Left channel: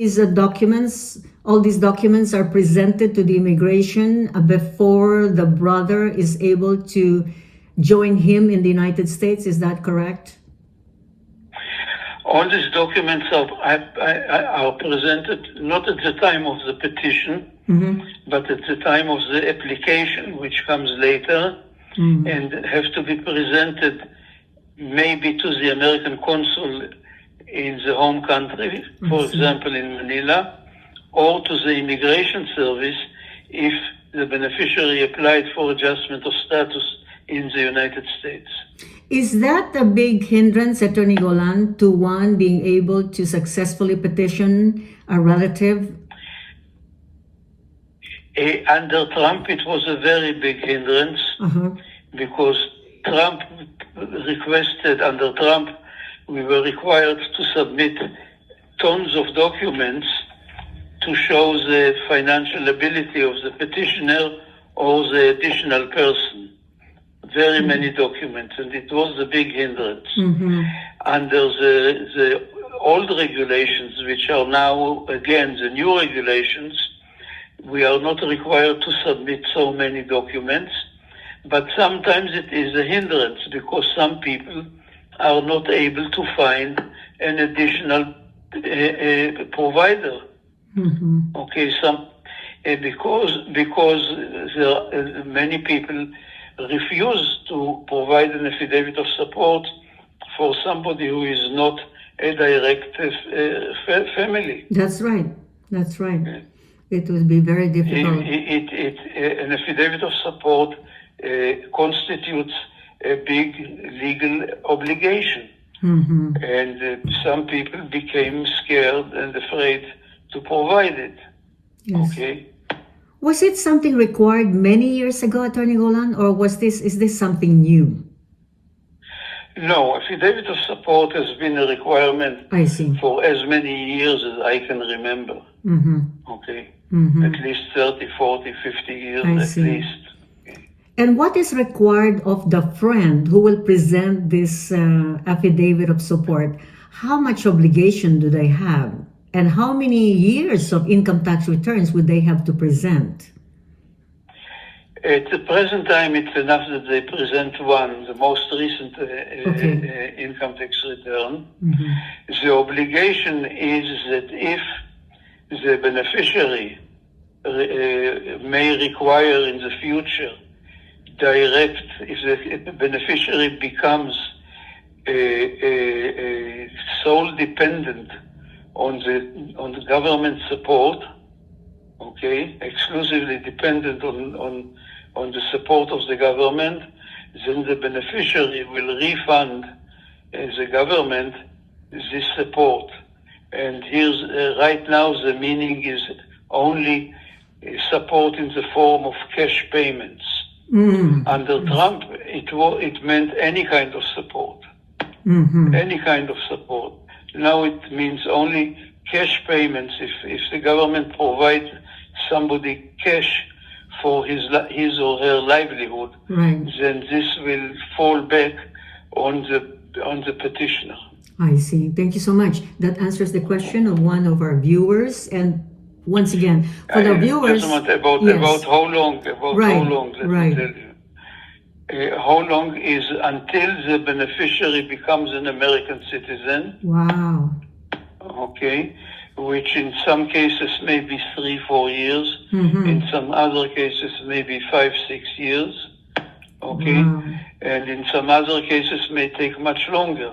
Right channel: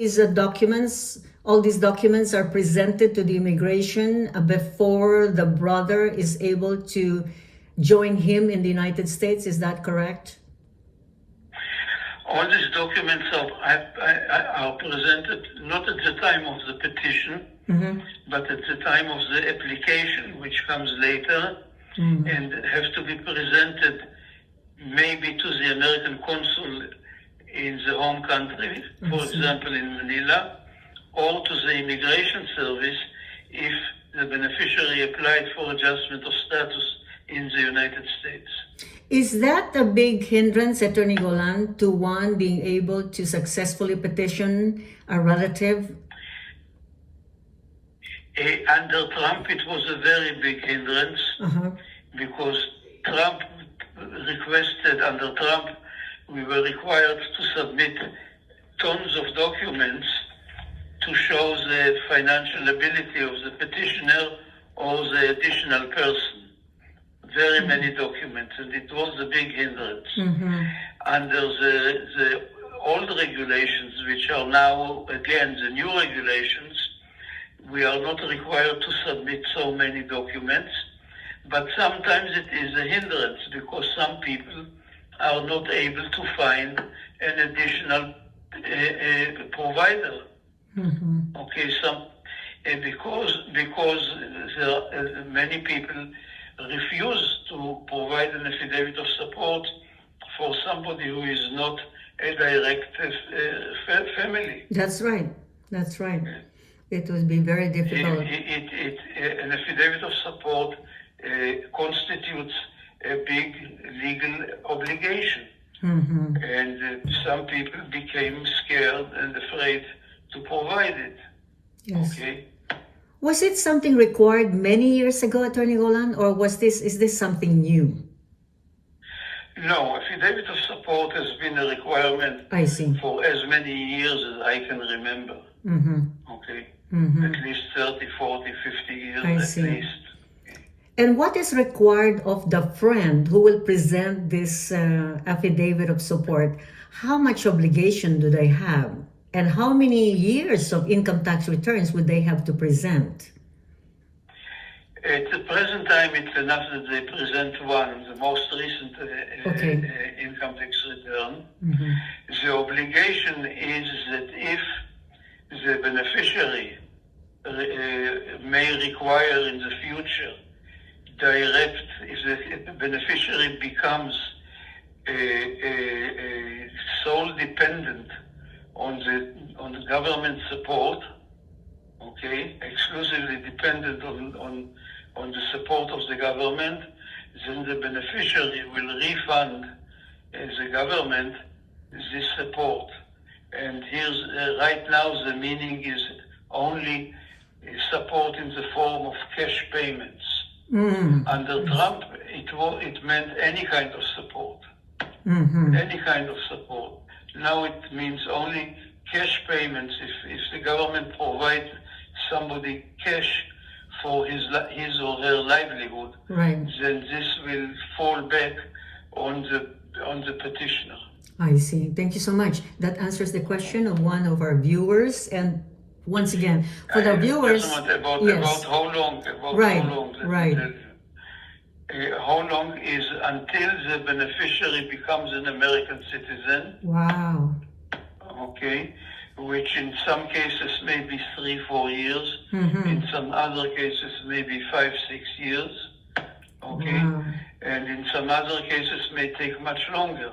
All these documents are presented to the immigration before the brother is able to join him in the United States. Is that correct? All these documents are presented not at the time of the petition, but at the time of the application, which comes later, and have to be presented maybe to the American consul in the home country, for example in Manila, or to the immigration service if the beneficiary applied for adjustment of status in the United States. Is that a big hindrance, Attorney Golan, to one being able to successfully petition a relative? Under Trump, it was a very big hindrance because Trump requested, under Trump, we were required to submit tons of documents to show the financial ability of the petitioner or the additional person. Very many documents, and it was a big hindrance. Under the old regulations, which are now, again, the new regulations, we are not required to submit so many documents, but sometimes it is a hindrance because some people are not able to find an additional provider. Okay, because there, many people refuse to provide an affidavit of support for somebody who is not a direct family. That's right. That's right. It would be very difficult. An affidavit of support constitutes a big legal obligation. And some people became scared and afraid to provide it. Yes. Okay. Was it something required many years ago, Attorney Golan, or is this something new? No, affidavit of support has been a requirement for as many years as I can remember. Okay. At least 30, 40, 50 years at least. And what is required of the friend who will present this affidavit of support? How much obligation do they have? And how many years of income tax returns would they have to present? At the present time, it's enough that they present one, the most recent income tax return. The obligation is that if the beneficiary may require in the future if the beneficiary becomes sole dependent on the government support, okay, exclusively dependent on the support of the government, then the beneficiary will refund the government this support. And here's right now the meaning is only support in the form of cash payments. Under Trump, it meant any kind of support. Any kind of support. Now it means only cash payments. If the government provides somebody cash for his or her livelihood, then this will fall back on the petitioner. I see. Thank you so much. That answers the question of one of our viewers. And once again, for the viewers, about how long? How long is until the beneficiary becomes an American citizen? Wow. Okay, which in some cases may be 3-4 years. In some other cases maybe 5-6 years. Okay, and in some other cases may take much longer.